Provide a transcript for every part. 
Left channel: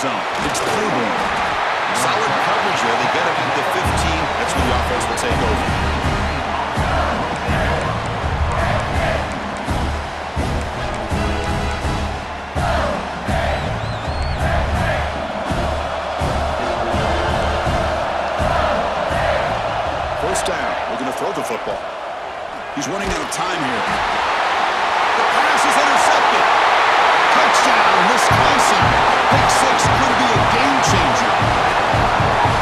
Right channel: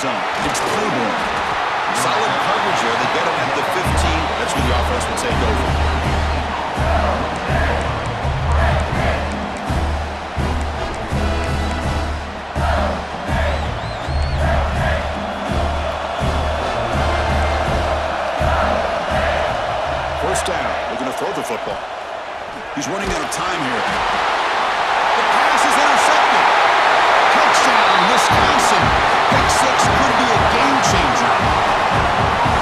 zone. It's Claiborne. Solid coverage here. They get him at the 15. That's where the offense will take over. First down. Looking to throw the football. He's running out of time here. The pass is intercepted. Touchdown, Wisconsin. Pick six could be a game changer.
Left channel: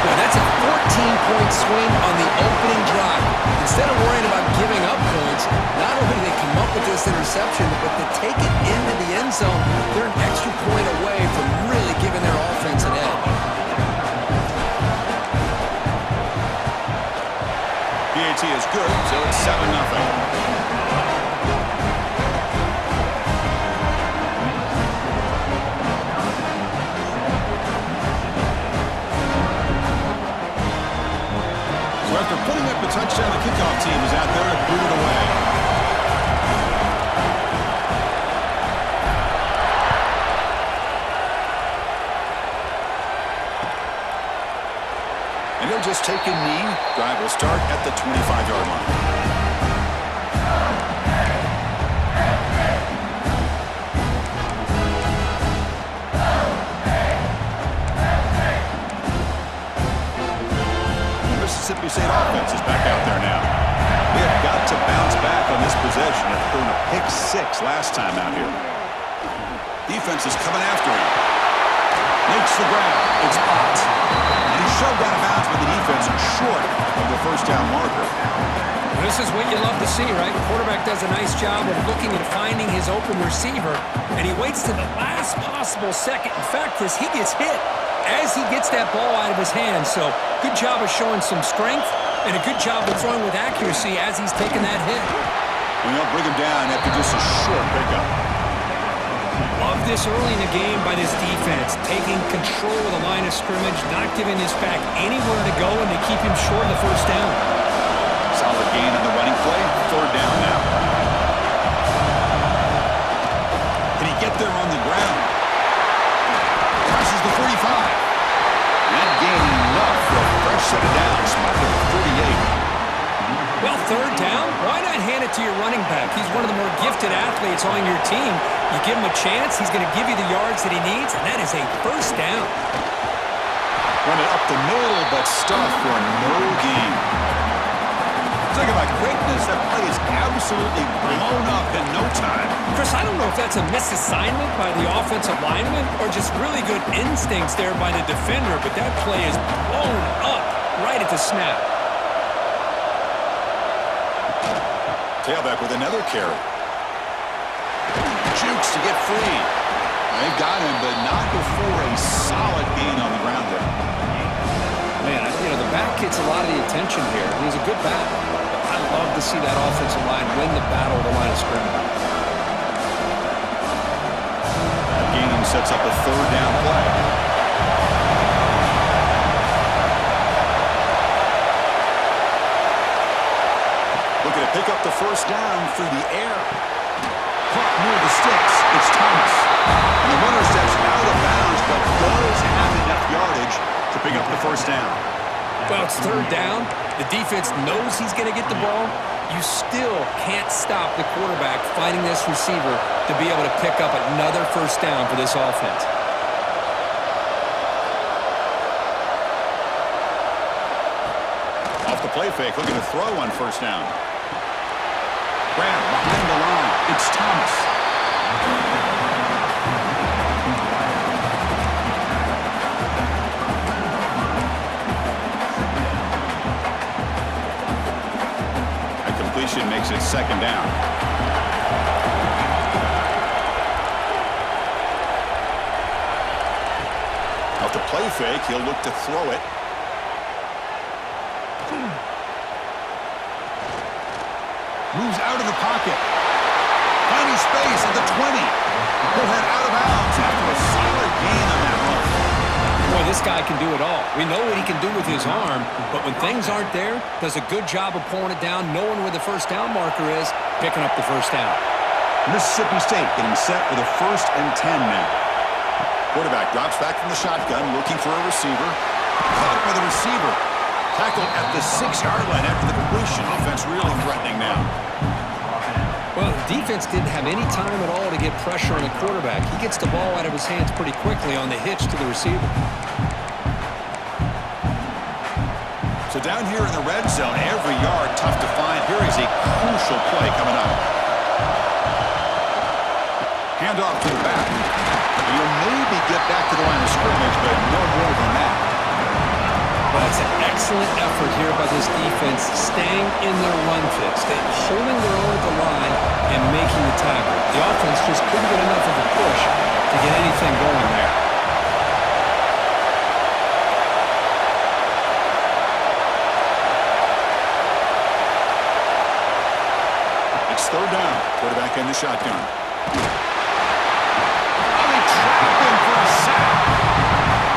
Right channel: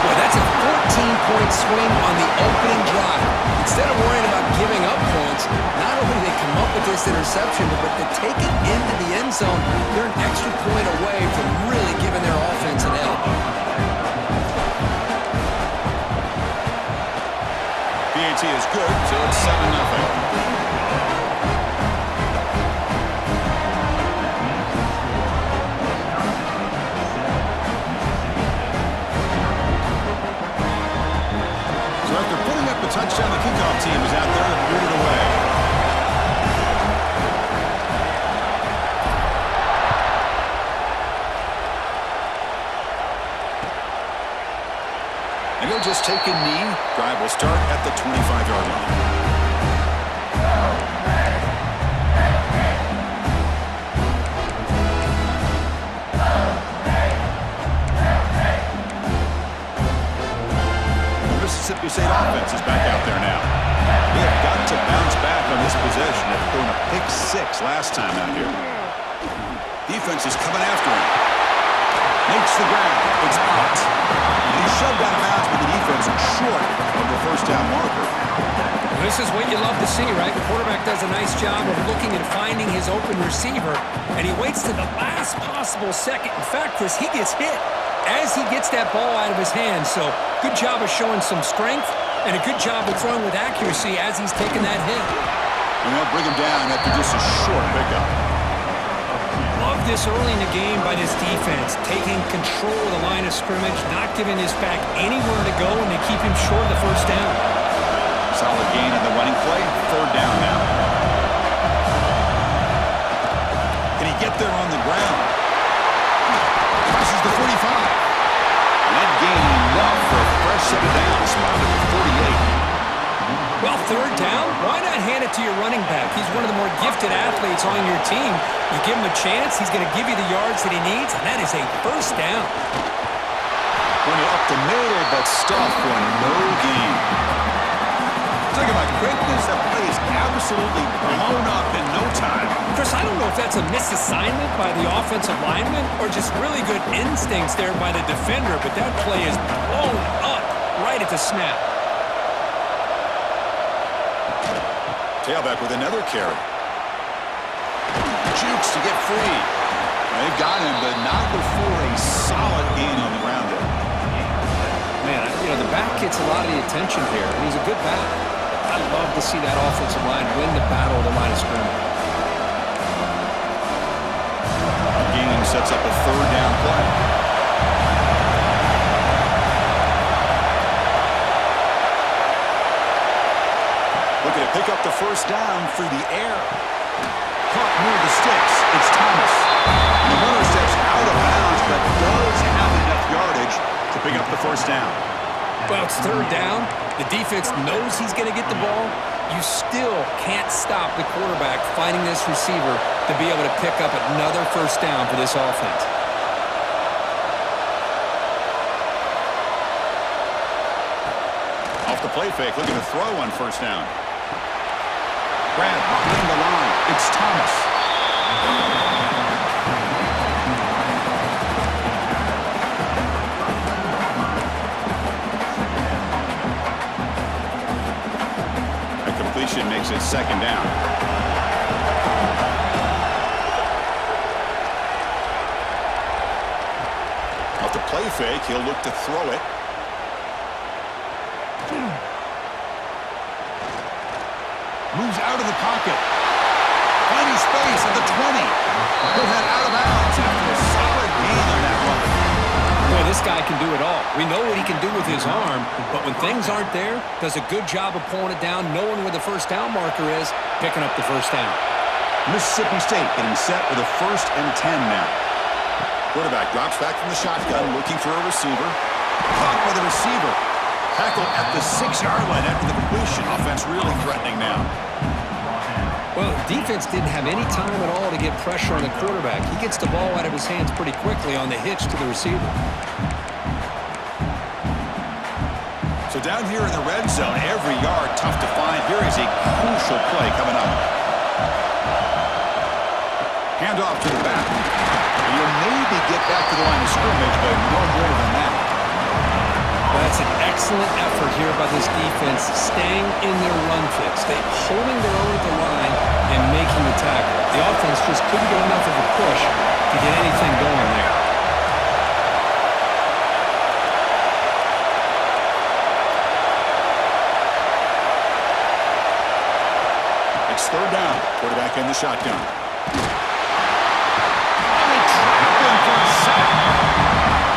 Boy, that's a 14-point swing on the opening drive. Instead of worrying about giving up points, not only do they come up with this interception, but to take it into the end zone, they're an extra point away from really giving their offense an edge. PAT is good, so it's 7-0. So after putting up a touchdown, the kickoff team is out there to boot it away. And he'll just take a knee. Drive will start at the 25-yard line. Mississippi State offense is back out there now. They have got to bounce back on this possession after throwing a pick six last time out here. Defense is coming after him. Makes the grab. It's Potts. And he's shoved out of bounds with the defense short of the first down marker. This is what you love to see, right? The quarterback does a nice job of looking and finding his open receiver, and he waits to the last possible second. In fact, Chris, he gets hit as he gets that ball out of his hands. So good job of showing some strength and a good job of throwing with accuracy as he's taking that hit. And they'll bring him down after just a short pickup. Love this early in the game by this defense, taking control of the line of scrimmage, not giving this back anywhere to go, and they keep him short of the first down. Solid gain on the running play. Third down now. Can he get there on the ground? Crosses the 45. And that gaining enough for a fresh set of downs. Spotted at the 48. Well, third down, why not hand it to your running back? He's one of the more gifted athletes on your team. You give him a chance, he's going to give you the yards that he needs, and that is a first down. Run it up the middle, but stuff for no gain. Talk about quickness, that play is absolutely blown up in no time. Chris, I don't know if that's a misassignment by the offensive lineman or just really good instincts there by the defender, but that play is blown up right at the snap. Tailback with another carry. Jukes to get free. Well, they've got him, but not before a solid gain on the ground there. Man, you know, the back gets a lot of the attention here, and he's a good back. I love to see that offensive line win the battle of the line of scrimmage. That gain sets up a third down play. Looking to pick up the first down through the air. Caught near the sticks. It's Thomas. And the runner steps out of bounds, but does have enough yardage to pick up the first down. Well, it's third down. The defense knows he's going to get the ball. You still can't stop the quarterback finding this receiver to be able to pick up another first down for this offense. Off the play fake, looking to throw on first down. Grab behind the line. It's Thomas. Completion makes it second down. Off the play fake, he'll look to throw it. Moves out of the pocket. Finding space at the 20. He'll head out of bounds after a solid gain on that run. Boy, this guy can do it all. We know what he can do with his arm, but when things aren't there, does a good job of pulling it down, knowing where the first down marker is, picking up the first down. Mississippi State getting set with a 1st and 10 now. Quarterback drops back from the shotgun, looking for a receiver. Caught by the receiver. Tackle at the 6-yard line after the completion. Offense really threatening now. Well, the defense didn't have any time at all to get pressure on the quarterback. He gets the ball out of his hands pretty quickly on the hitch to the receiver. So down here in the red zone, every yard tough to find. Here is a crucial play coming up. Handoff to the back. You'll maybe get back to the line of scrimmage, but no more than that. Well, that's an excellent effort here by this defense, staying in their run fit, holding their own at the line and making the tackle. The offense just couldn't get enough of a push to get anything going there. It's third down. Quarterback in the shotgun. Oh, they trap him for a sack.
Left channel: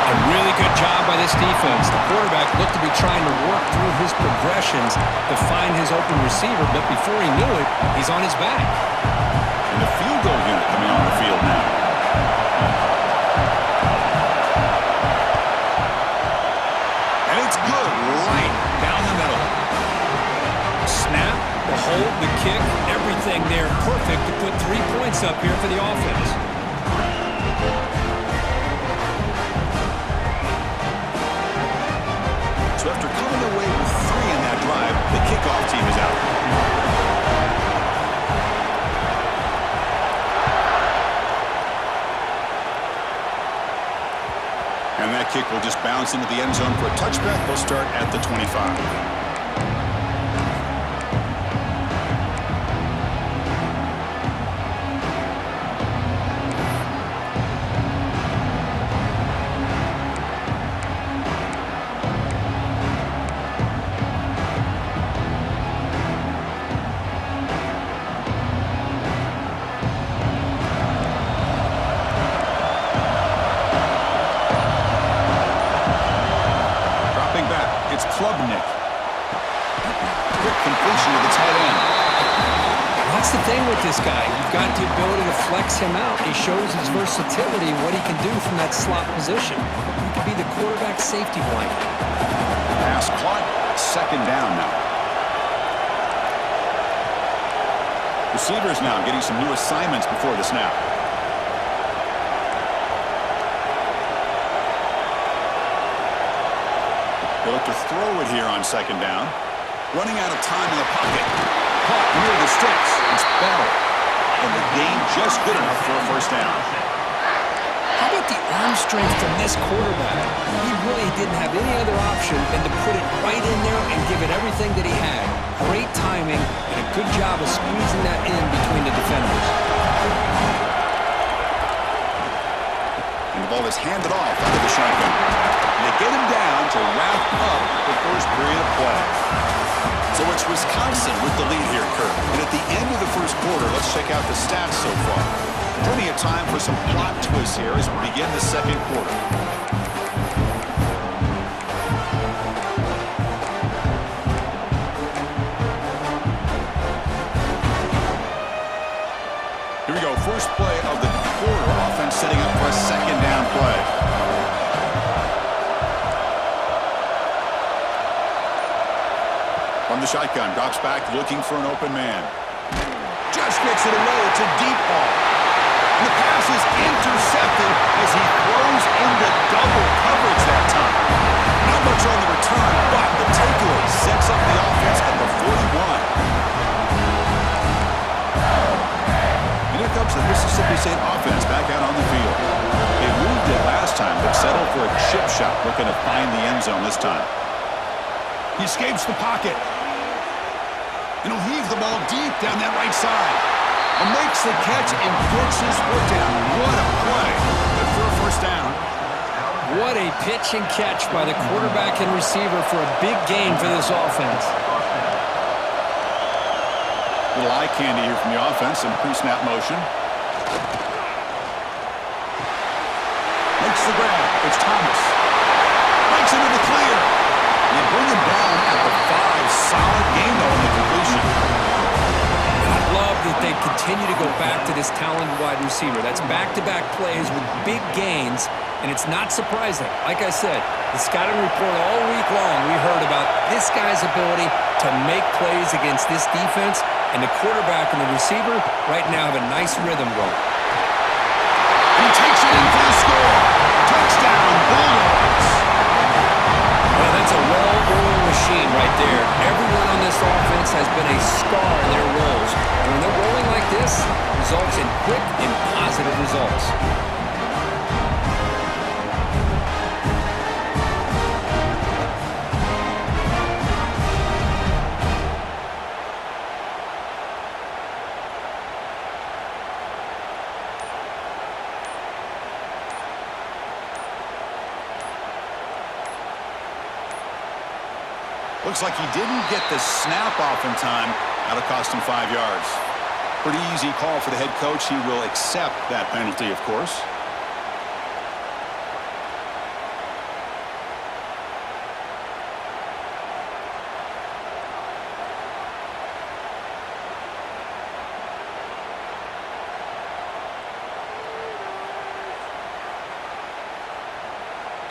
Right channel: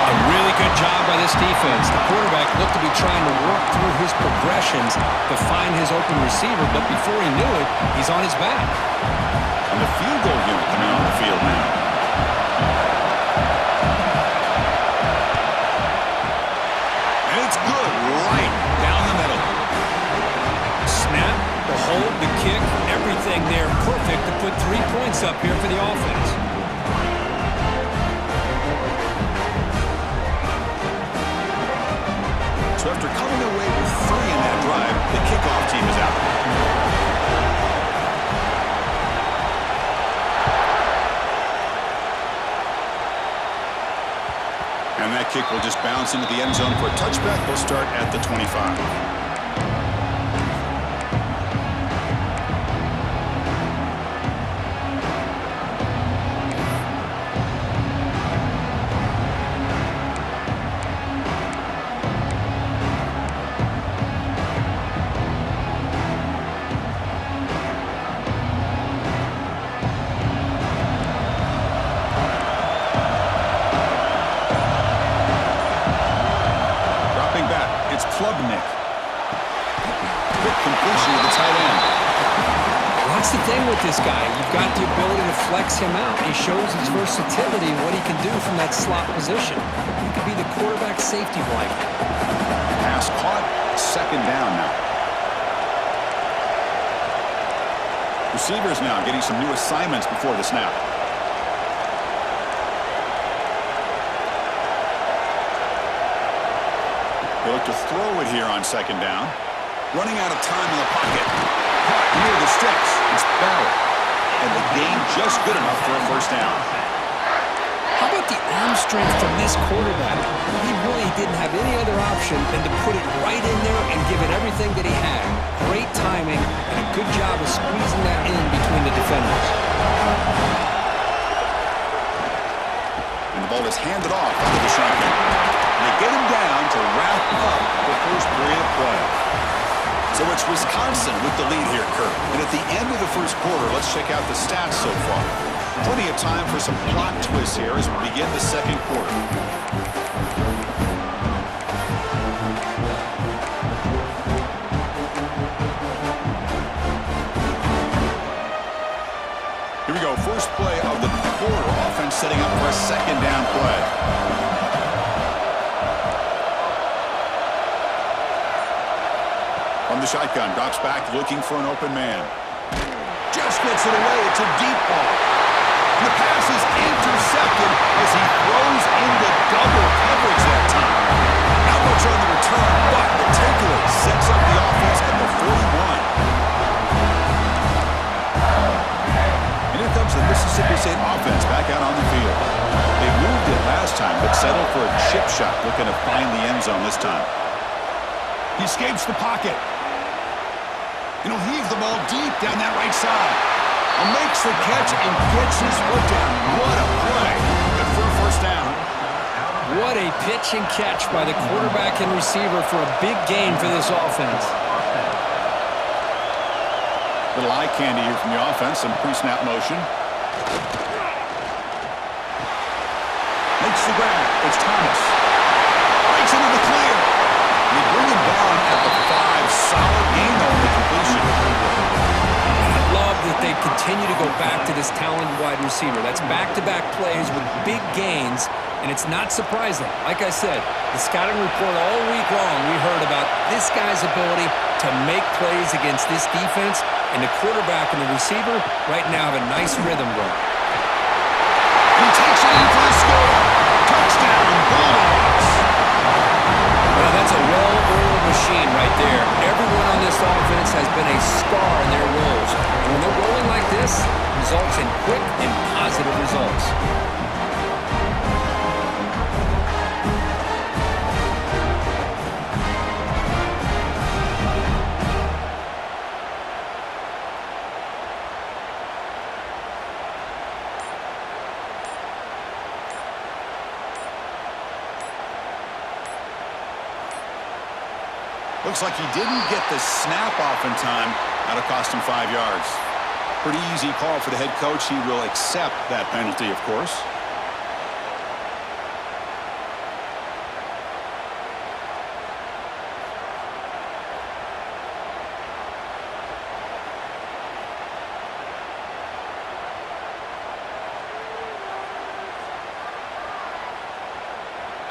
A really good job by this defense. The quarterback looked to be trying to work through his progressions to find his open receiver, but before he knew it, he's on his back. And the field goal unit coming on the field now. And it's good right down the middle. Snap, the hold, the kick, everything there perfect to put 3 points up here for the offense. So after coming away with 3 in that drive, the kickoff team is out. And that kick will just bounce into the end zone for a touchback. They'll start at the 25. It's Klubnik. Quick completion with the tight end. Well, that's the thing with this guy. You've got the ability to flex him out. He shows his versatility and what he can do from that slot position. He could be the quarterback safety blanket. Pass caught. Second down now. Receivers now getting some new assignments before the snap. They look to throw it here on second down. Running out of time in the pocket. Caught near the sticks. It's Bell. And the gain just good enough for a first down. How about the arm strength from this quarterback? He really didn't have any other option than to put it right in there and give it everything that he had. Great timing and a good job of squeezing that in between the defenders. And the ball is handed off out of the shotgun. They get him down to wrap up the first period of play. So it's Wisconsin with the lead here, Kurt. And at the end of the first quarter, let's check out the stats so far. Plenty of time for some plot twists here as we begin the second quarter. Here we go. First play of the quarter. Offense setting up for a second down play. From the shotgun, drops back, looking for an open man. Just gets it away. It's a deep ball. And the pass is intercepted as he throws into double coverage that time. Not much on the return, but the takeaway sets up the offense at the 41. And here comes the Mississippi State offense back out on the field. They moved it last time, but settled for a chip shot, looking to find the end zone this time. He escapes the pocket. And he'll heave the ball deep down that right side. Makes the catch and gets his foot down. What a play. Good for a first down. What a pitch and catch by the quarterback and receiver for a big gain for this offense. Little eye candy here from the offense. Some pre-snap motion. Makes the grab. It's Thomas. Breaks into the clear. They bring him down at the 5. Solid game, though, in the completion. And I love that they continue continue to go back to this talented wide receiver. That's back-to-back plays with big gains, and it's not surprising. Like I said, the scouting report all week long, we heard about this guy's ability to make plays against this defense, and the quarterback and the receiver right now have a nice rhythm going. He takes it in for the score. Touchdown, Bulldogs. Well, that's a well-oiled machine right there. Everyone on this offense has been a star in their roles. And when they're rolling like this, it results in quick and positive results. Looks like he didn't get the snap off in time. That'll cost him 5 yards. Pretty easy call for the head coach. He will accept that penalty, of course.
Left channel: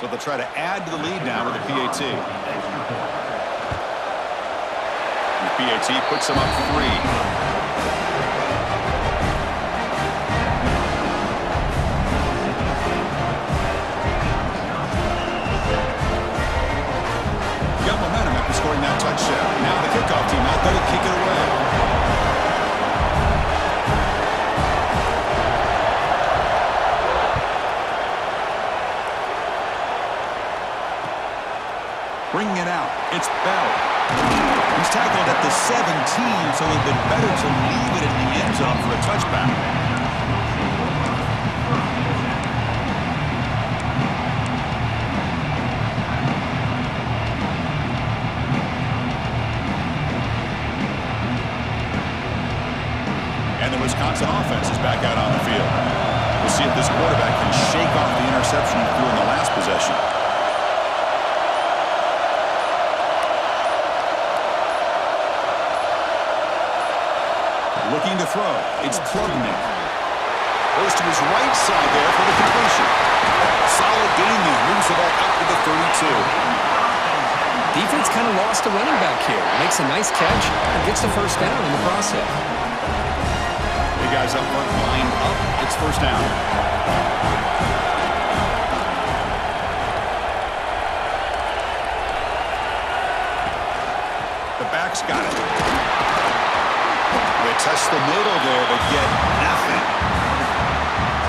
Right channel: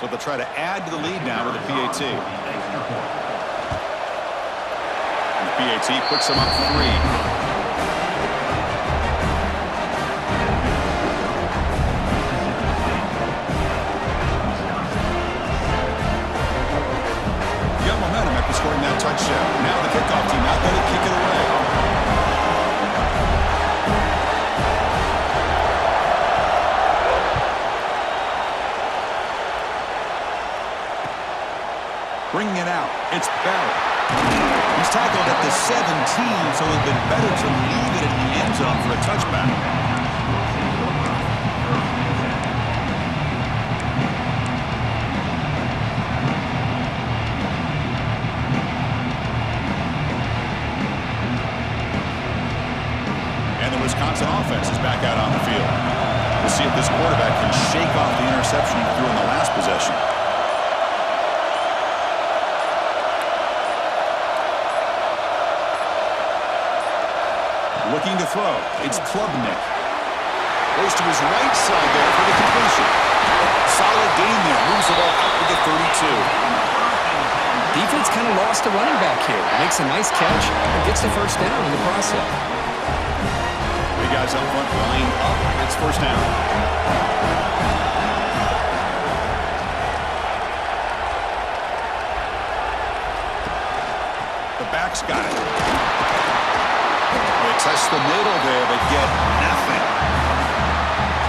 So they'll try to add to the lead now with the PAT. And the PAT puts them up 3. Got momentum after scoring that touchdown. Now the kickoff team out there to kick it away. Bringing it out, it's Bell. He's tackled at the 17, so it would have been better to leave it in the end zone for a touchback. And the Wisconsin offense is back out on the field. We'll see if this quarterback can shake off the interception he threw in the last possession. Looking to throw. It's Klubnik. Goes to his right side there for the completion. Solid gain there. Moves the ball out to the 32. Defense kind of lost a running back here. Makes a nice catch and gets the first down in the process. Big guys up front lined up. It's first down. The back's got it. They test the middle there, but get nothing.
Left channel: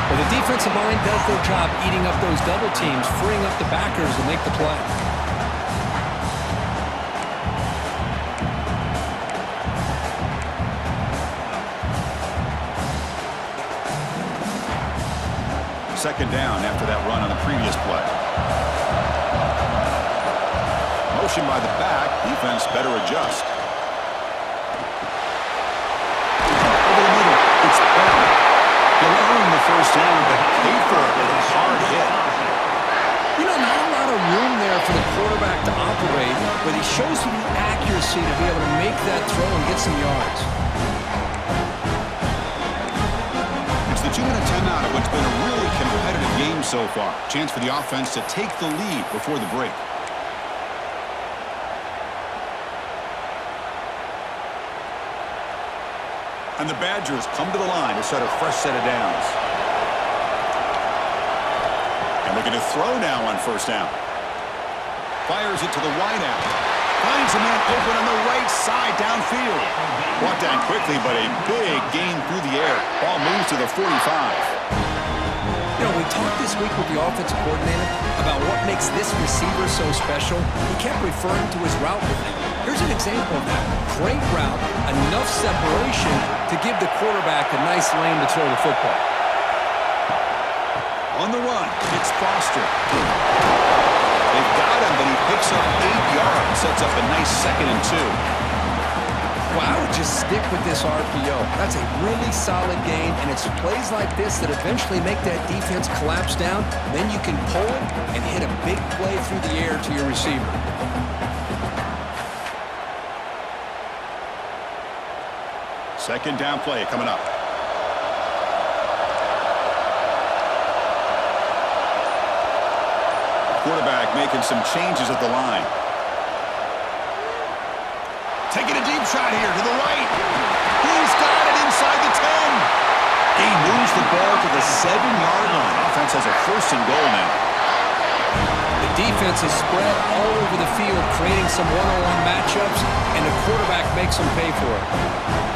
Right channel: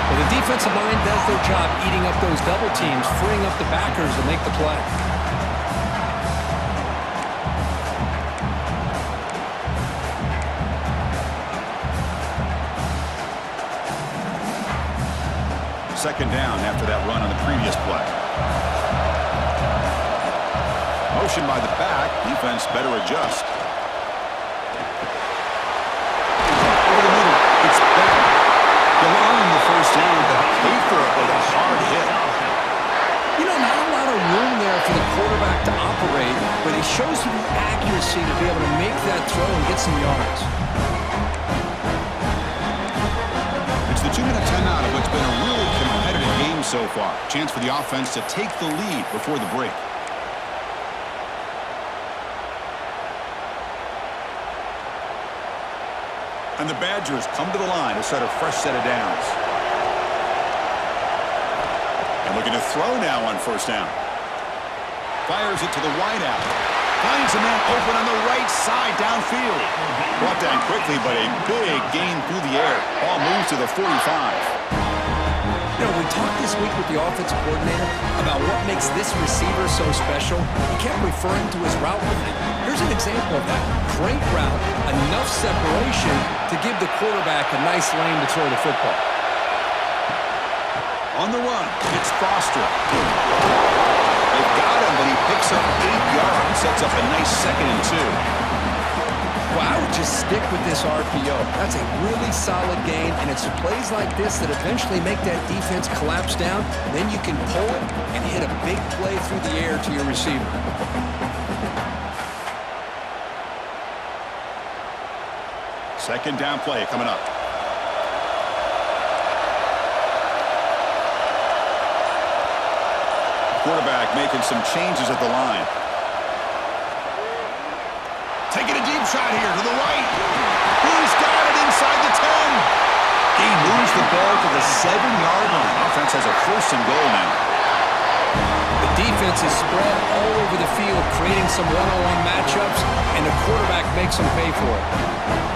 Well, the defensive line does their job eating up those double teams, freeing up the backers to make the play. Second down after that run on the previous play. Motion by the back. Defense better adjust. It's Bell. He'll earn the first down, but pay for it with a hard hit. You know, not a lot of room there for the quarterback to operate, but he shows you the accuracy to be able to make that throw and get some yards. It's the 2-minute timeout of what's been a really competitive game so far. Chance for the offense to take the lead before the break. And the Badgers come to the line to set a fresh set of downs. And looking to throw now on first down. Fires it to the wideout. Finds a man open on the right side downfield. Brought down quickly, but a big gain through the air. Ball moves to the 45. You know, we talked this week with the offensive coordinator about what makes this receiver so special. He kept referring to his route running. Here's an example of that. Great route, enough separation to give the quarterback a nice lane to throw the football. On the run, it's Foster. They've got him, but he picks up 8 yards and sets up a nice 2nd and 2. Well, I would just stick with this RPO. That's a really solid gain, and it's plays like this that eventually make that defense collapse down. Then you can pull it and hit a big play through the air to your receiver. Second down play coming up. quarterback making some changes at the line. Taking a deep shot here to the right. He's got it inside the 10. He moves the ball to the 7-yard line. Offense has a 1st and goal now. The defense is spread all over the field, creating some one-on-one matchups, and the quarterback makes them pay for it.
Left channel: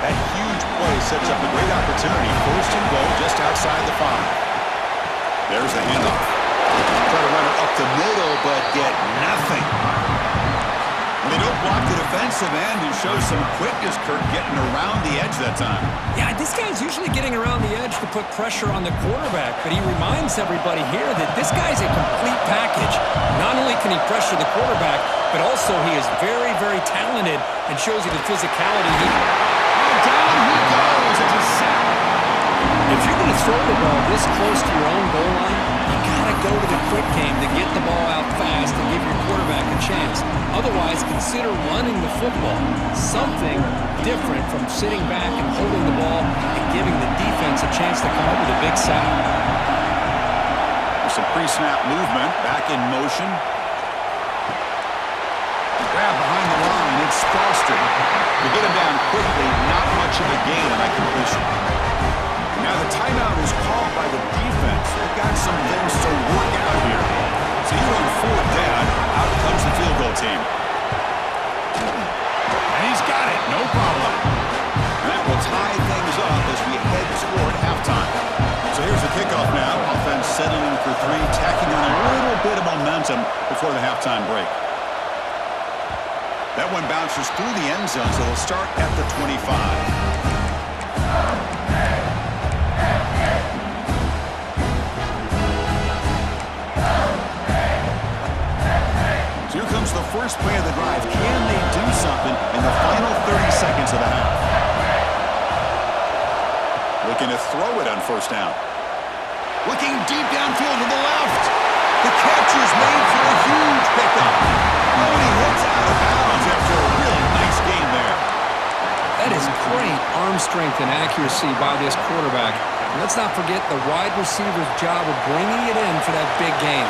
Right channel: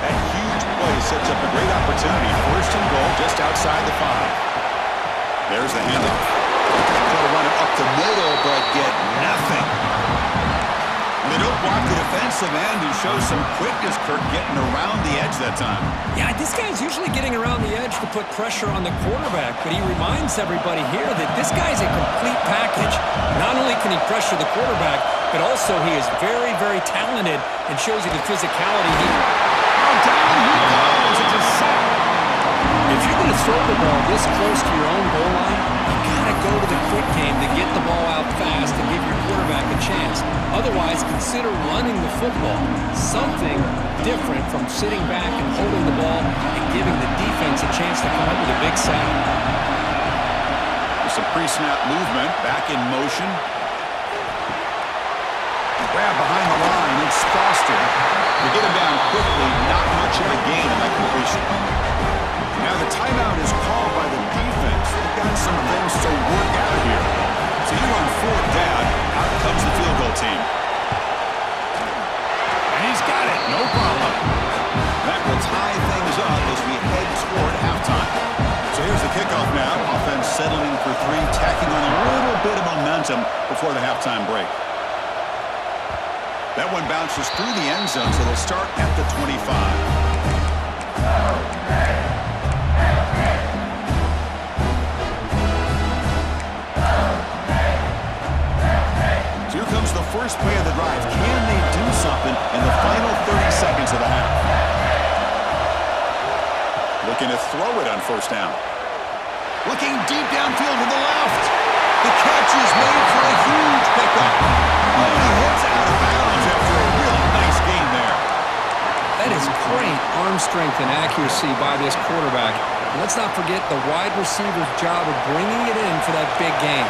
That huge play sets up a great opportunity. 1st and goal just outside the 5. There's the handoff. Try to run it up the middle, but get nothing. And they don't block the defensive end and show some quickness, Kirk, getting around the edge that time. Yeah, this guy's usually getting around the edge to put pressure on the quarterback, but he reminds everybody here that this guy's a complete package. Not only can he pressure the quarterback, but also he is very, very talented and shows you the physicality. Down he goes. It's a sack. If you're going to throw the ball this close to your own goal line, you got to go to the quick game to get the ball out fast and give your quarterback a chance. Otherwise, consider running the football. Something different from sitting back and holding the ball and giving the defense a chance to come up with a big sack. There's some pre-snap movement. Back in motion. Grab behind the line. It's Foster. They get him down quickly. Not much of a gain on that completion. Now the timeout is called by the defense. They've got some things to work out here. So you're on 4th down. Out comes the field goal team. And he's got it. No problem. And that will tie things up as we head toward halftime. So here's the kickoff now. Offense settling for 3, tacking on a little bit of momentum before the halftime break. That one bounces through the end zone, so they'll start at the 25. So here comes the first play of the drive. Can they do something in the final 30 seconds of the half? Looking to throw it on 1st down. Looking deep downfield to the left. The catch is made for a huge pickup. Oh, and he hits out of bounds after a really nice game there. That is great arm strength and accuracy by this quarterback. And let's not forget the wide receiver's job of bringing it in for that big game.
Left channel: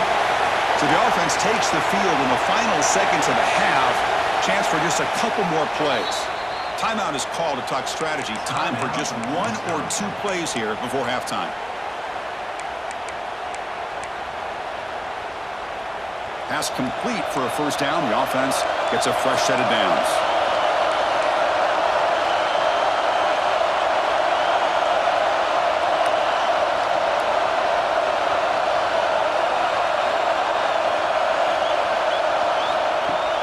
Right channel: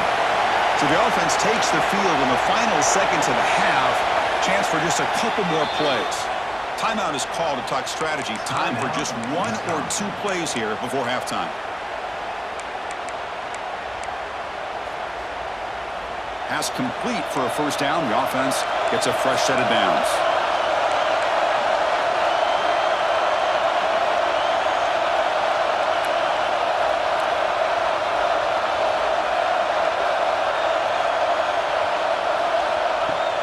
So the offense takes the field in the final seconds of the half. Chance for just a couple more plays. Timeout is called to talk strategy. Time for just 1 or 2 plays here before halftime. Pass complete for a 1st down. The offense gets a fresh set of downs.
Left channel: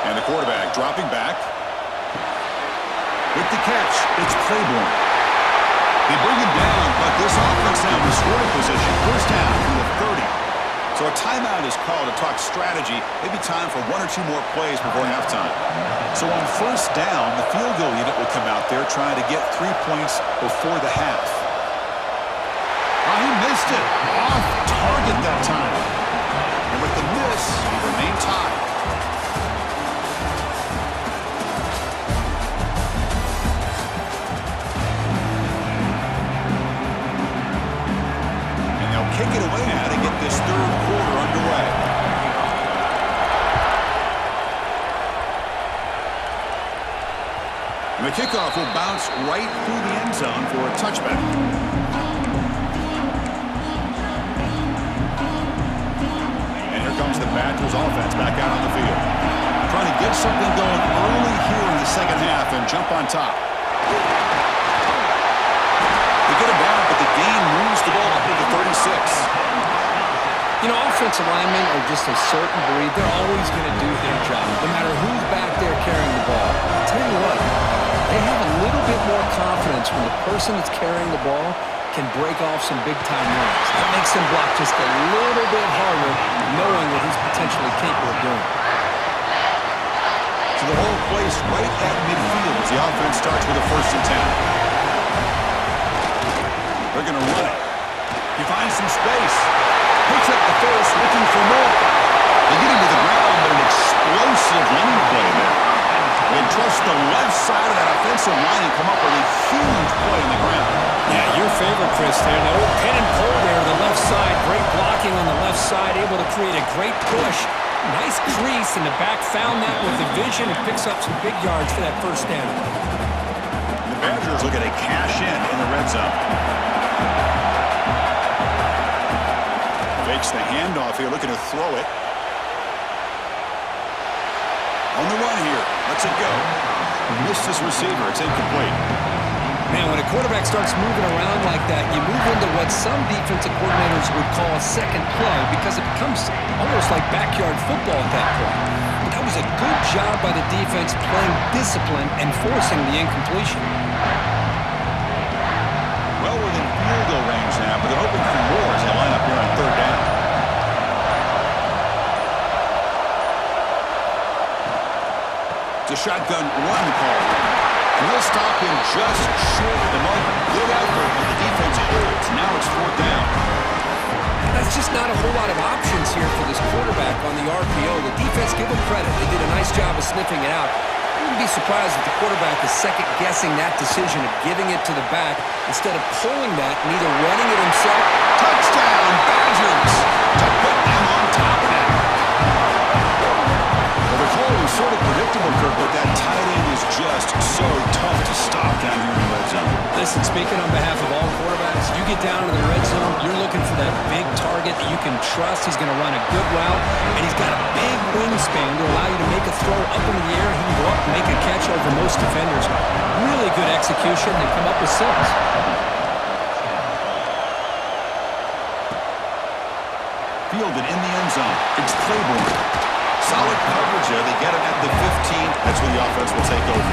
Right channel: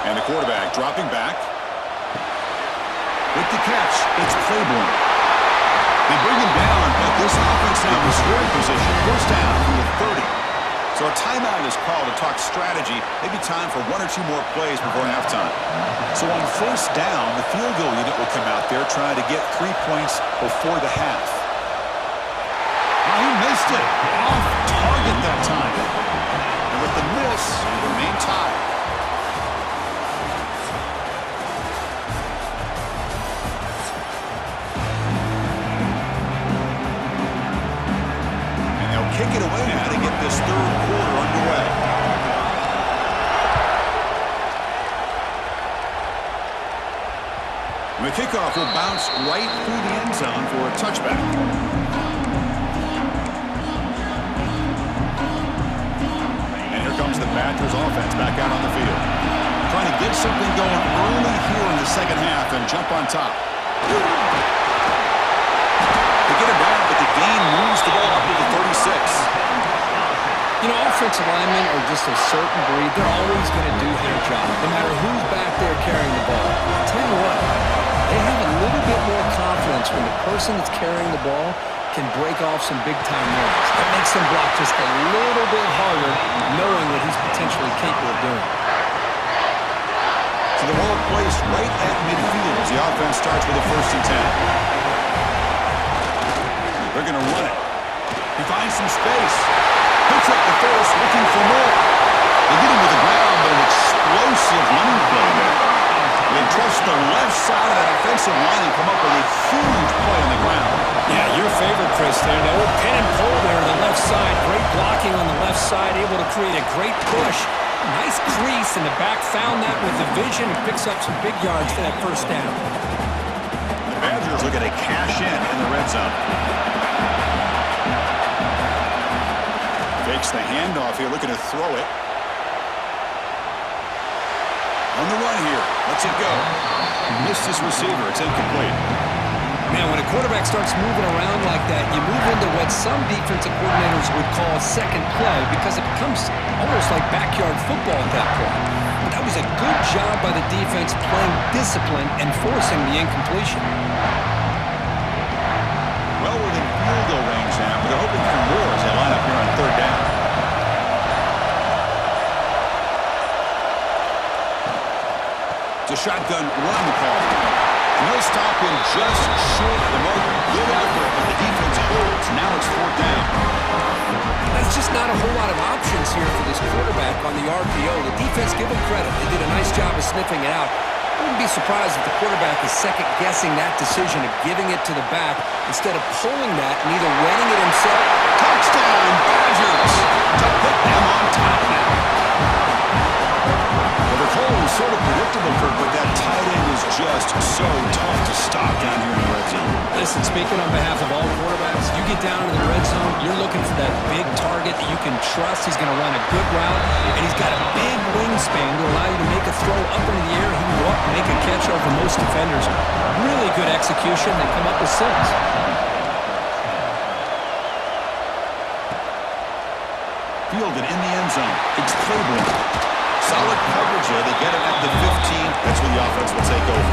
And the quarterback dropping back. With the catch, it's Claiborne. They bring him down, but this offense now in scoring position. 1st down from the 30. So a timeout is called to talk strategy. Maybe time for 1 or 2 more plays before halftime. So on 1st down, the field goal unit will come out there trying to get 3 points before the half. Oh, he missed it. Off target that time. And with the miss, he remained tied. Kick it away now to get this 3rd quarter underway. And the kickoff will bounce right through the end zone for a touchback. And here comes the Badgers offense back out on the field. Trying to get something going early here in the 2nd half and jump on top. They get him down, but the gain moves the ball up to the 36. You know, offensive linemen are just a certain breed. They're always going to do their job, no matter who's back there carrying the ball. I'll tell you what, they have a little bit more confidence when the person that's carrying the ball can break off some big-time runs. That makes them block just a little bit harder, knowing what he's potentially capable of doing. So the ball placed right at midfield as the offense starts with a 1st and 10. They're going to run it. He finds some space. Picks up the 1st, looking for more. They get him to the ground, but an explosive running play there. They trust the left side of that offensive line and come up with a huge play on the ground. Yeah, your favorite, Chris, there. The old pin and pull there to the left side. Great blocking on the left side, able to create a great push. Nice crease, and the back found that with the vision and picks up some big yards for that first down. The Badgers looking to cash in the red zone. Fakes the handoff here, looking to throw it. On the run here, lets it go. Missed his receiver, it's incomplete. Man, when a quarterback starts moving around like that, you move into what some defensive coordinators would call a second play because it becomes almost like backyard football at that point. But that was a good job by the defense playing discipline and forcing the incompletion. Well within field goal range now, but they're hoping for more as they line up here on third down. It's a shotgun run call. And they'll stop him just short of the marker. Good effort, but the defense holds. Now it's fourth down. That's just not a whole lot of options here for this quarterback on the RPO. The defense, give them credit. They did a nice job of sniffing it out. I wouldn't be surprised if the quarterback is second-guessing that decision of giving it to the back instead of pulling that and either running it himself. Touchdown, Badgers, to put them on top now. Well, the call was sort of predictable, Kirk, but that tight end is just so tough to stop down here in the red zone. Listen, speaking on behalf of all quarterbacks, you get down into the red zone, you're looking for that big target that you can trust. He's going to run a good route, and he's got a big wingspan to allow you to make a throw up into the air. He can go up and make a catch over most defenders. Really good execution. They come up with 6. Fielded in the end zone. It's Claiborne. Solid coverage there. They get him at the 15. That's where the offense will take over.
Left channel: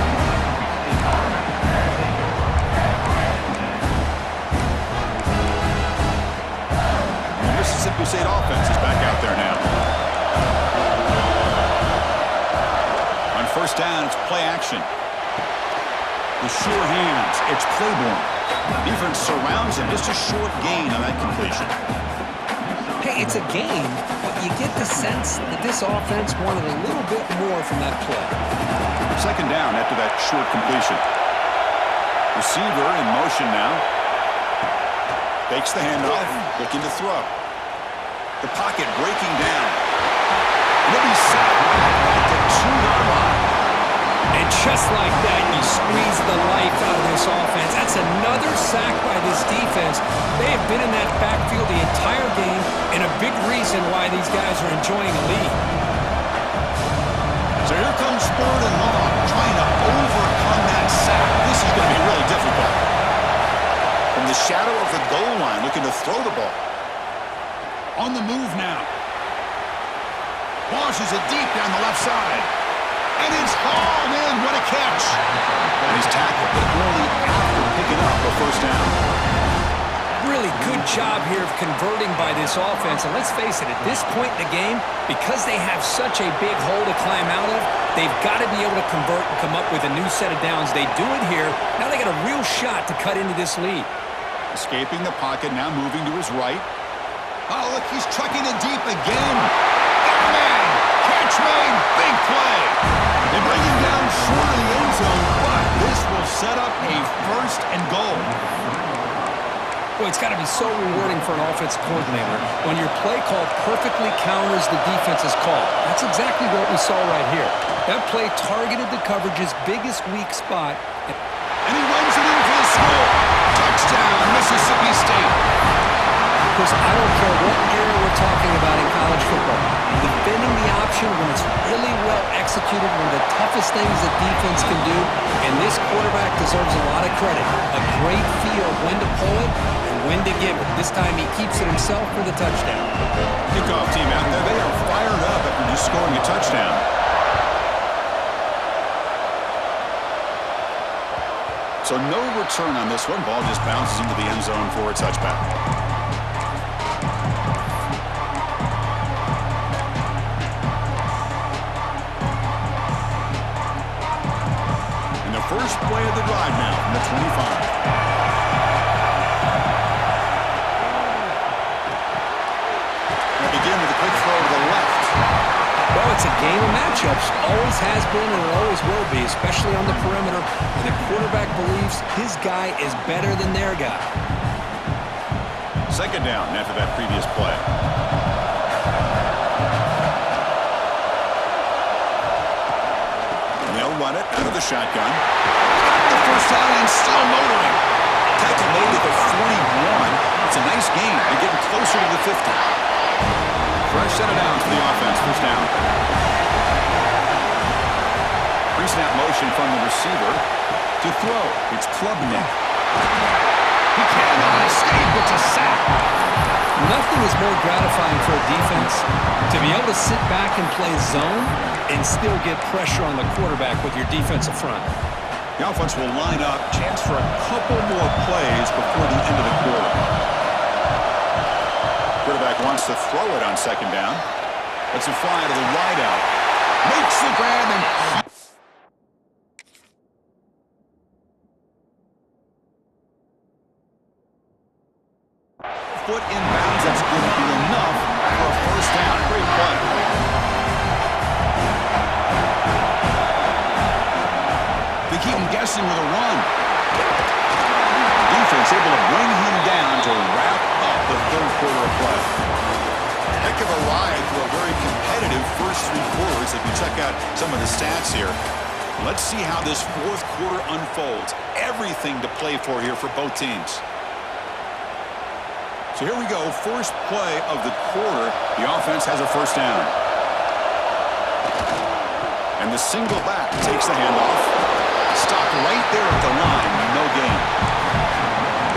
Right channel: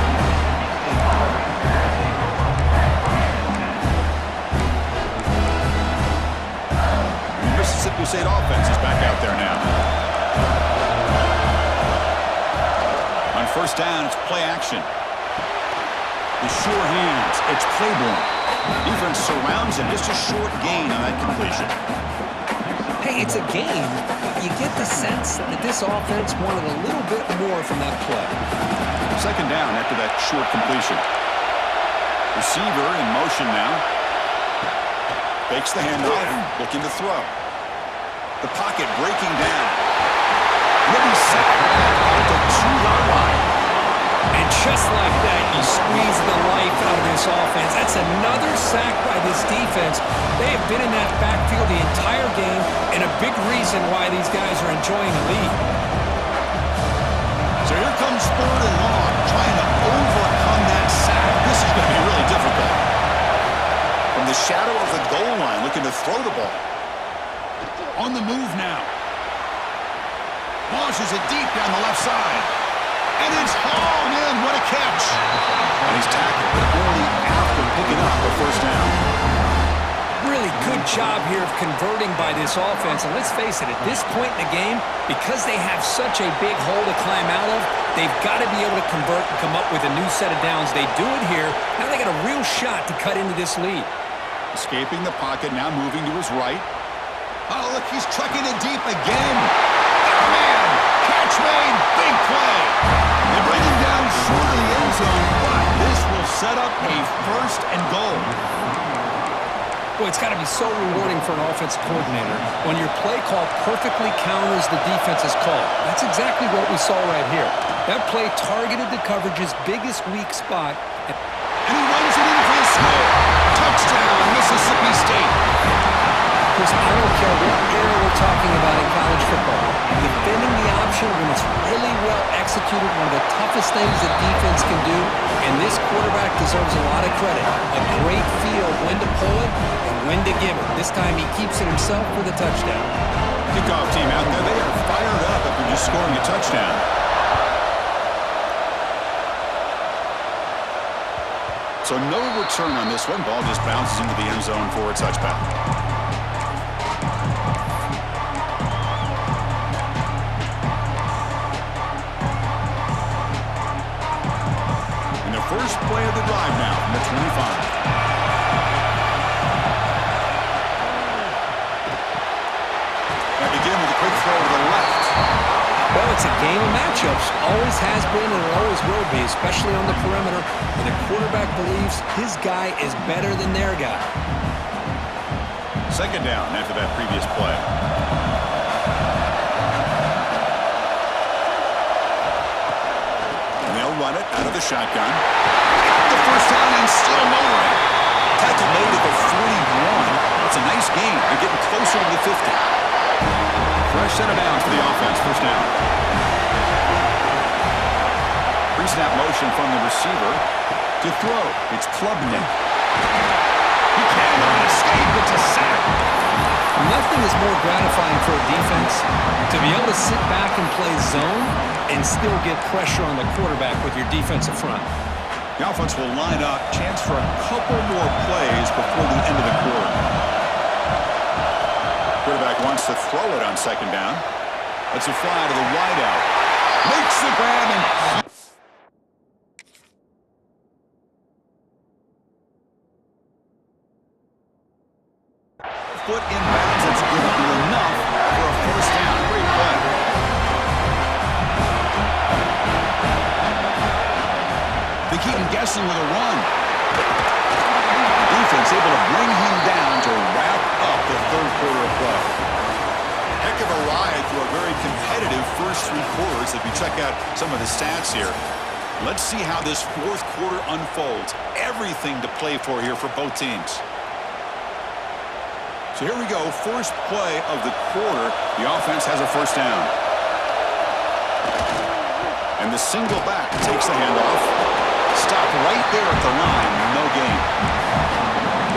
And the Mississippi State offense is back out there now. On first down, it's play action. The sure hands. It's Claiborne. Defense surrounds him. Just a short gain on that completion. Hey, it's a game, but you get the sense that this offense wanted a little bit more from that play. Second down after that short completion. Receiver in motion now. Fakes the handoff, looking to throw. The pocket breaking down. And he'll be sacked back at the 2-yard line. And just like that, you squeeze the life out of this offense. That's another sack by this defense. They have been in that backfield the entire game, and a big reason why these guys are enjoying the lead. So here comes third and long, trying to overcome that sack. This is going to be really difficult. From the shadow of the goal line, looking to throw the ball. On the move now. Launches it deep down the left side. And it's hauled in. What a catch. And he's tackled, but only after picking up a first down. Really good job here of converting by this offense. And let's face it, at this point in the game, because they have such a big hole to climb out of, they've got to be able to convert and come up with a new set of downs. They do it here. Now they got a real shot to cut into this lead. Escaping the pocket, now moving to his right. Oh, look, he's trucking it deep again. Oh, man. Catch made. Big play. They bring him down short of the end zone, but this will set up a first and goal. Boy, it's got to be so rewarding for an offensive coordinator when your play call perfectly counters the defense's call. That's exactly what we saw right here. That play targeted the coverage's biggest weak spot. And he runs it in for the score. Touchdown, Mississippi State. Chris, I don't care what era we're talking about in college football. Defending the option when it's really well executed, one of the toughest things that defense can do, and this quarterback deserves a lot of credit. A great feel of when to pull it and when to give it. This time he keeps it himself for the touchdown. Kickoff team out there, they are fired up after just scoring a touchdown. So no return on this one. Ball just bounces into the end zone for a touchback. And the first play of the drive now from the 25. They begin with a quick throw to the left. Well, it's a game of matchups. Always has been and it always will be, especially on the perimeter. And the quarterback believes his guy is better than their guy. Second down after that previous play. And they'll run it out of the shotgun. Got the first down and still motoring. Tackle made at the 41. It's a nice gain. They're getting closer to the 50. Fresh set of downs for the offense. First down. Pre-snap motion from the receiver to throw. It's Klubnik. He cannot escape. It's a sack. Nothing is more gratifying for a defense to be able to sit back and play zone and still get pressure on the quarterback with your defensive front. The offense will line up. Chance for a couple more plays before the end of the quarter. Quarterback wants to throw it on second down. Lets it fly to the wideout. Makes the grab and... foot inbounds. That's going to be enough for a first down. Great play. They keep him guessing with a run. Defense able to bring him down to wrap up the third quarter of play. Heck of a ride through a very competitive first three quarters. If you check out some of the stats here, let's see how this fourth quarter unfolds. Everything to play for here for both teams. So here we go. First play of the quarter. The offense has a first down. And the single back takes the handoff. Stopped right there at the line. No gain.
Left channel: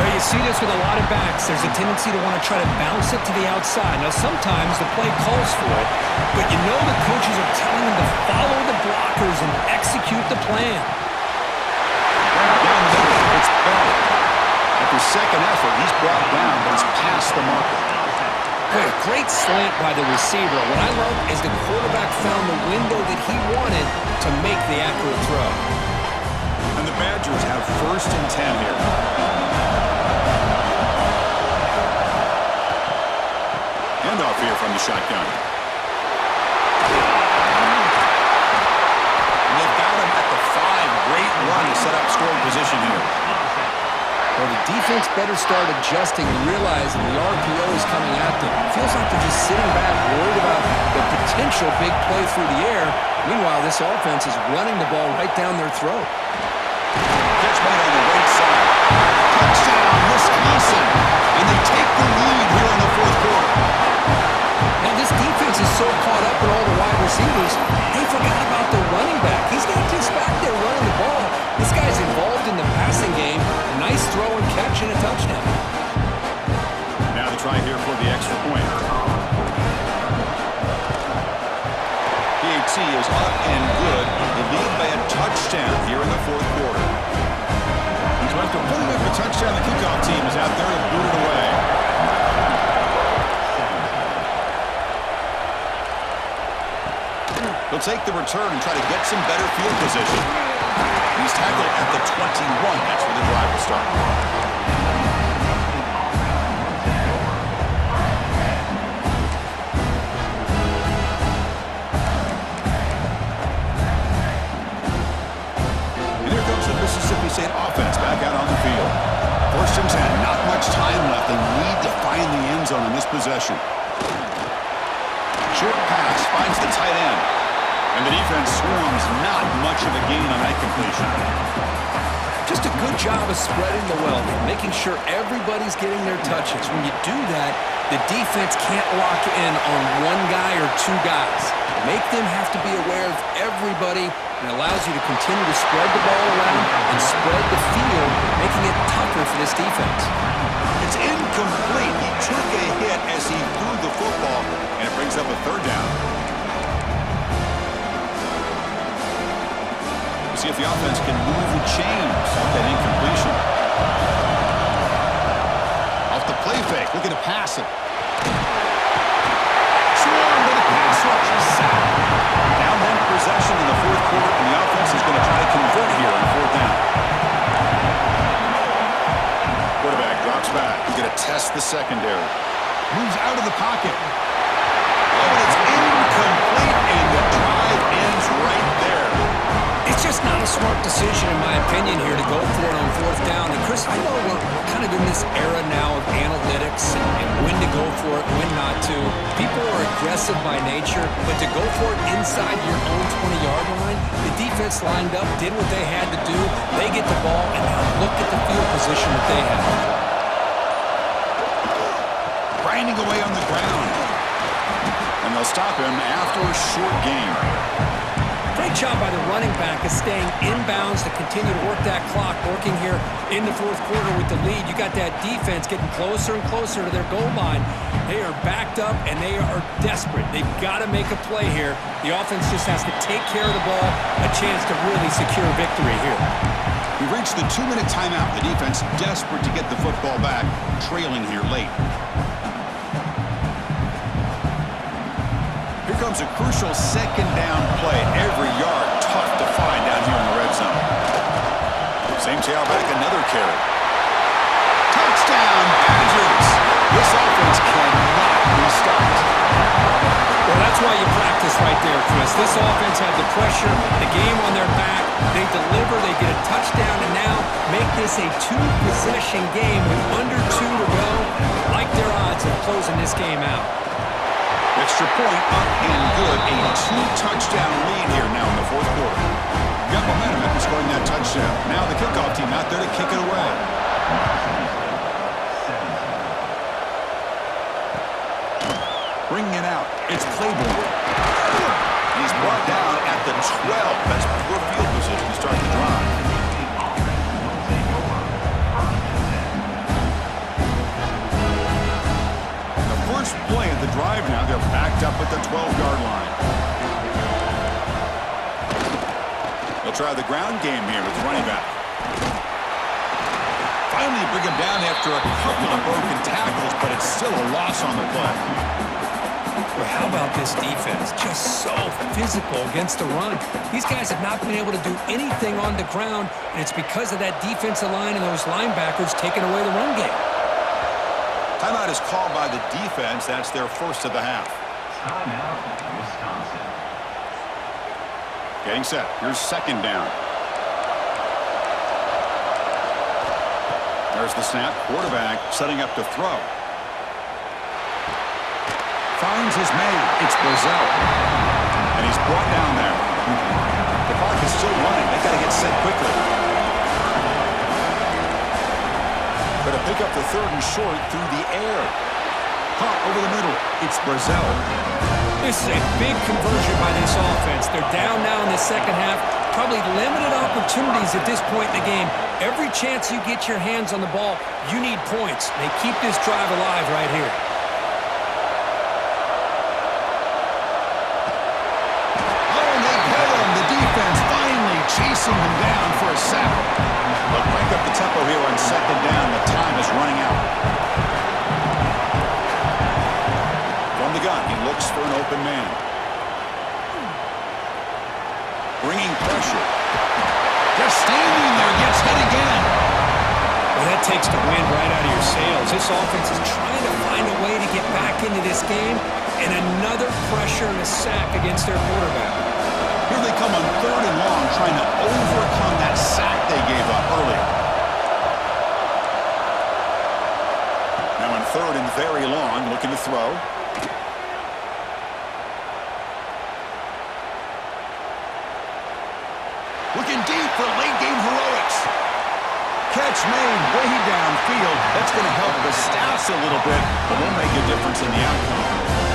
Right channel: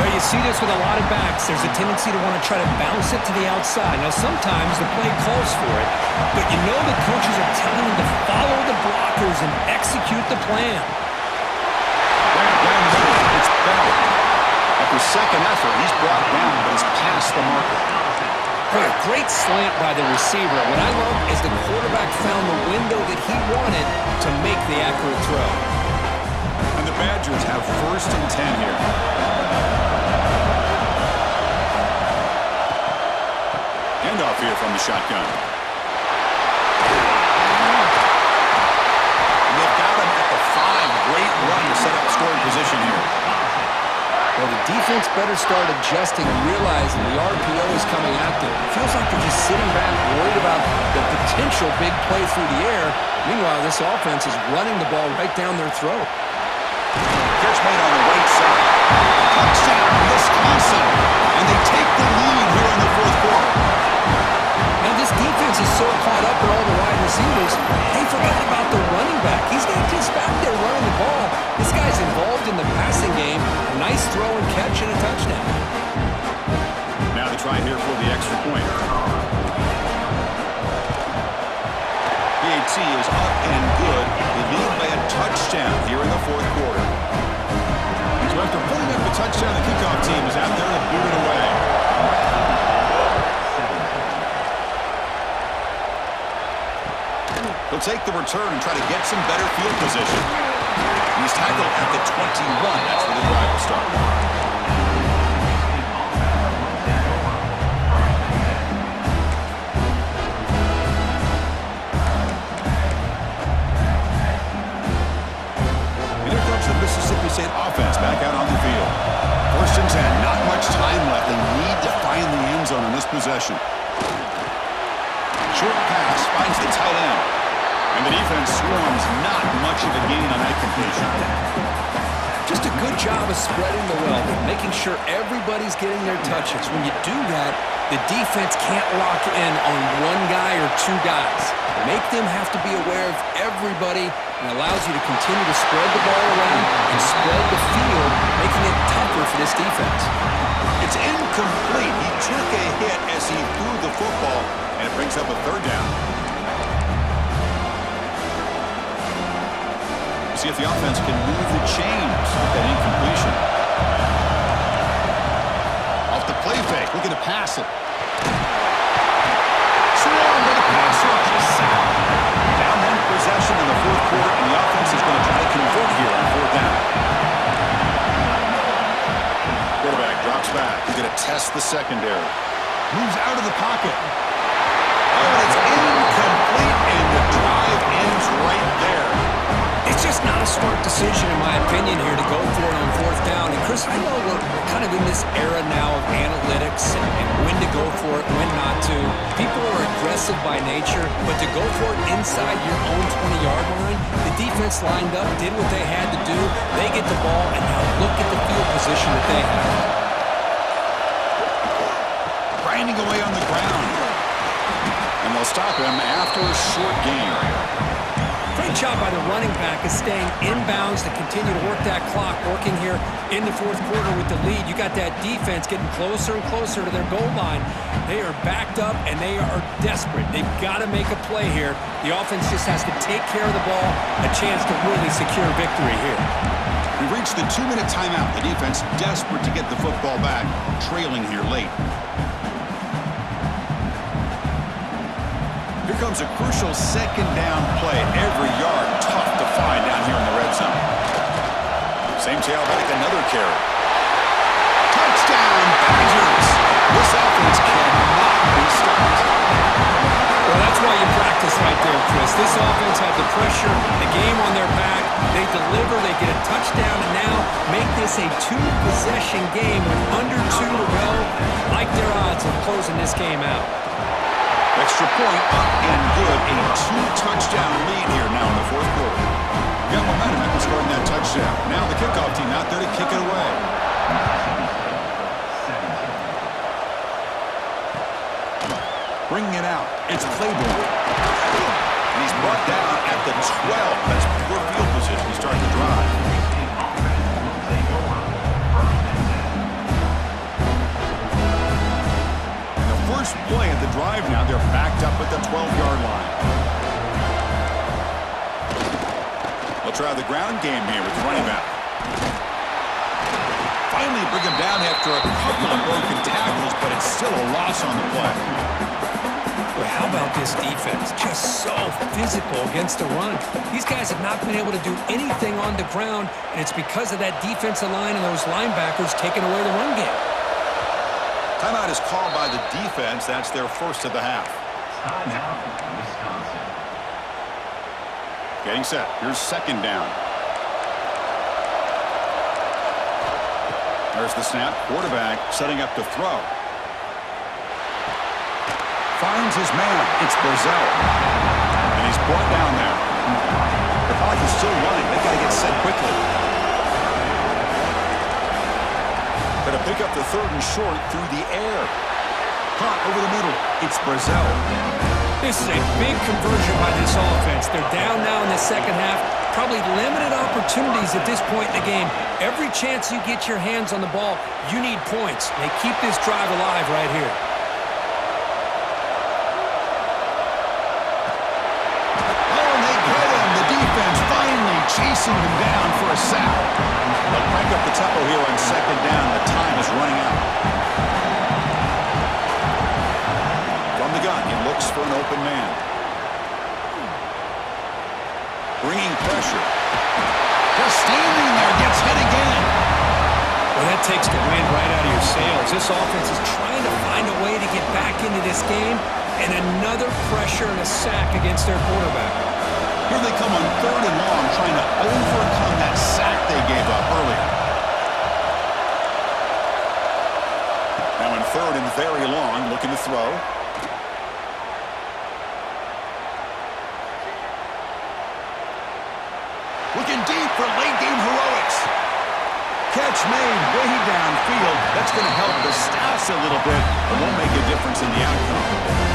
Well, you see this with a lot of backs. There's a tendency to want to try to bounce it to the outside. Now, sometimes the play calls for it, but you know the coaches are telling them to follow the blockers and execute the plan. Down the middle. It's Bell. After second effort, he's brought down, but he's past the marker. Boy, a great slant by the receiver. What I love is the quarterback found the window that he wanted to make the accurate throw. And the Badgers have first and 10 here. Handoff here from the shotgun. And they've got him at the 5. Great run to set up scoring position here. Well, the defense better start adjusting and realizing the RPO is coming at them. It feels like they're just sitting back, worried about the potential big play through the air. Meanwhile, this offense is running the ball right down their throat. Catch made on the right side. Touchdown, Wisconsin. And they take the lead here in the fourth quarter. Now, this defense is so caught up in all the wide receivers, they forgot about the running back. He's not just back there running the ball. This guy's involved in the passing game. A nice throw and catch and a touchdown. Now the try here for the extra point. PAT is up and good. They lead by a touchdown here in the fourth quarter. So after putting up a touchdown, the kickoff team is out there to boot it away. He'll take the return and try to get some better field position. And he's tackled at the 21. That's where the drive will start. And here comes the Mississippi State offense back out on the field. First and 10. Not much time left. They need to find the end zone on this possession. Short pass finds the tight end. And the defense swarms. Not much of a gain on that completion. Just a good job of spreading the wealth, making sure everybody's getting their touches. When you do that, the defense can't lock in on one guy or two guys. Make them have to be aware of everybody, and allows you to continue to spread the ball around and spread the field, making it tougher for this defense. It's incomplete. He took a hit as he threw the football, and it brings up a third down. See if the offense can move the chains off that incompletion. Off the play fake, looking to pass it. Swarm to the pass rush, a sack. Down one possession in the fourth quarter, and the offense is going to try to convert here on fourth down. Quarterback drops back. He's going to test the secondary. Moves out of the pocket. Oh, and it's incomplete, and times right there. It's just not a smart decision, in my opinion, here to go for it on fourth down. And, Chris, I know we're kind of in this era now of analytics and when to go for it, when not to. People are aggressive by nature, but to go for it inside your own 20-yard line, the defense lined up, did what they had to do. They get the ball, and now look at the field position that they have. Grinding away on the ground. And they'll stop him after a short game. Great job by the running back of staying inbounds to continue to work that clock, working here in the fourth quarter with the lead. You got that defense getting closer and closer to their goal line. They are backed up, and they are desperate. They've got to make a play here. The offense just has to take care of the ball, a chance to really secure victory here. We've reached the 2-minute timeout. The defense desperate to get the football back, trailing here late. Here comes a crucial second down play. Every yard tough to find down here in the red zone. Same tailback, another carry. Touchdown, Badgers! This offense cannot be stopped. Well, that's why you practice right there, Chris. This offense had the pressure, the game on their back. They deliver, they get a touchdown, and now make this a two-possession game with under 2 to go. Like their odds of closing this game out. Extra point up and good. A 2-touchdown lead here now in the fourth quarter. Got momentum after scoring that touchdown. Now the kickoff team out there to kick it away. Bringing it out. It's Claiborne. And he's brought down at the 12. That's poor field position to start the drive. First play of the drive now. They're backed up at the 12-yard line. They'll try the ground game here with the running back. Finally bring him down after a couple of broken tackles, but it's still a loss on the play. Well, how about this defense? Just so physical against the run. These guys have not been able to do anything on the ground, and it's because of that defensive line and those linebackers taking away the run game. Timeout is called by the defense. That's their first of the half. Timeout, Wisconsin. Getting set. Here's second down. There's the snap. Quarterback setting up to throw. Finds his man. It's Brazil. And he's brought down there. The clock is still running. They got to get set quickly. Going to pick up the third and short through the air. Caught over the middle. It's Brazil. This is a big conversion by this offense. They're down now in the second half. Probably limited opportunities at this point in the game. Every chance you get your hands on the ball, you need points. They keep this drive alive right here. Oh, and they get him. The defense finally chasing him down for a sack. They'll crank up the tempo here on second down. The time is running out. From the gun, he looks for an open man. Bringing pressure. Just standing there, gets hit again. Well, that takes the wind right out of your sails. This offense is trying to find a way to get back into this game, and another pressure and a sack against their quarterback. Here they come on third and long, trying to overcome that sack they gave up earlier. Now in third and very long, looking to throw. Looking deep for late-game heroics. Catch made way downfield. That's going to help the Staffs a little bit, but won't make a difference in the outcome.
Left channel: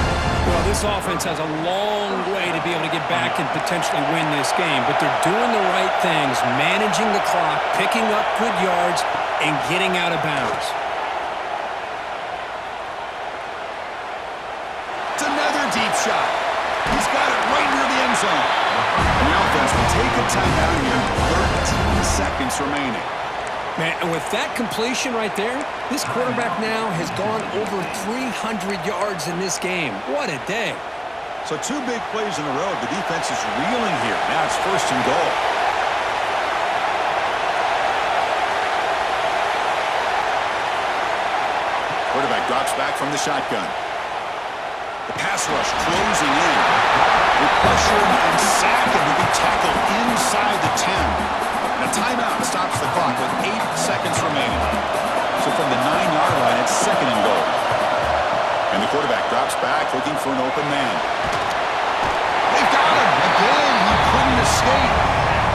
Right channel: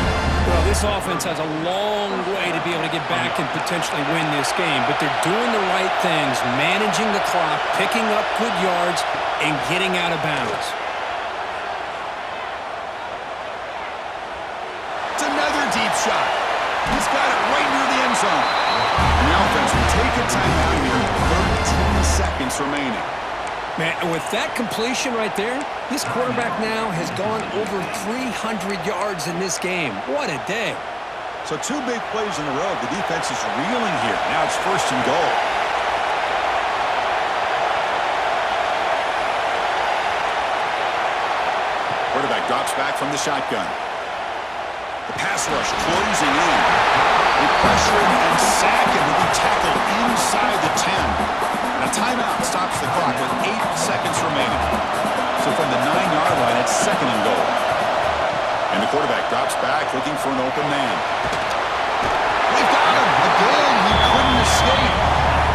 Well, this offense has a long way to be able to get back and potentially win this game, but they're doing the right things, managing the clock, picking up good yards, and getting out of bounds. It's another deep shot. He's got it right near the end zone. And the offense will take a timeout here. 13 seconds remaining. Man, and with that completion right there, this quarterback now has gone over 300 yards in this game. What a day. So two big plays in a row. The defense is reeling here. Now it's first and goal. Quarterback drops back from the shotgun. The pass rush closing in. They pressure and sack him to be tackled inside the 10. And a timeout stops the clock with 8 seconds remaining. So from the 9-yard line, it's 2nd and goal. And the quarterback drops back looking for an open man. They've got him. Again, he couldn't escape.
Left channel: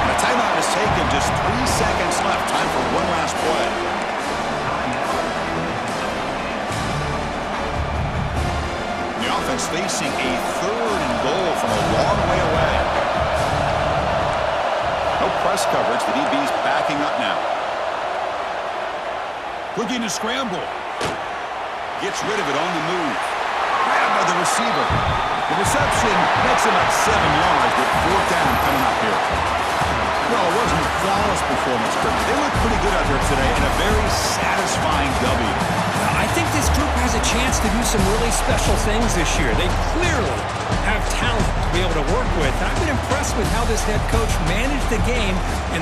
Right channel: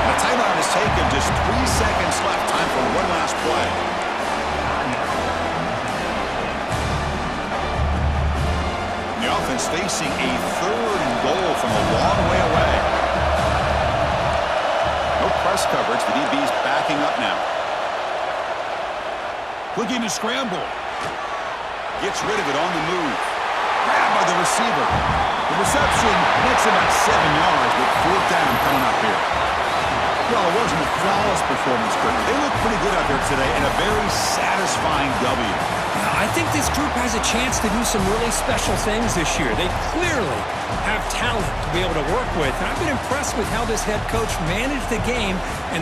And a timeout is taken. Just 3 seconds left. Time for one last play. The offense facing a 3rd and goal from a long way away. No press coverage. The DB's backing up now. Looking to scramble. Gets rid of it on the move. Grabbed by the receiver. The reception makes him at 7 yards, but 4th down coming up here. Well, it wasn't a flawless performance, Kirk. They look pretty good out there today and a very satisfying W. I think this group has a chance to do some really special things this year. They clearly have talent to be able to work with. And I've been impressed with how this head coach managed the game and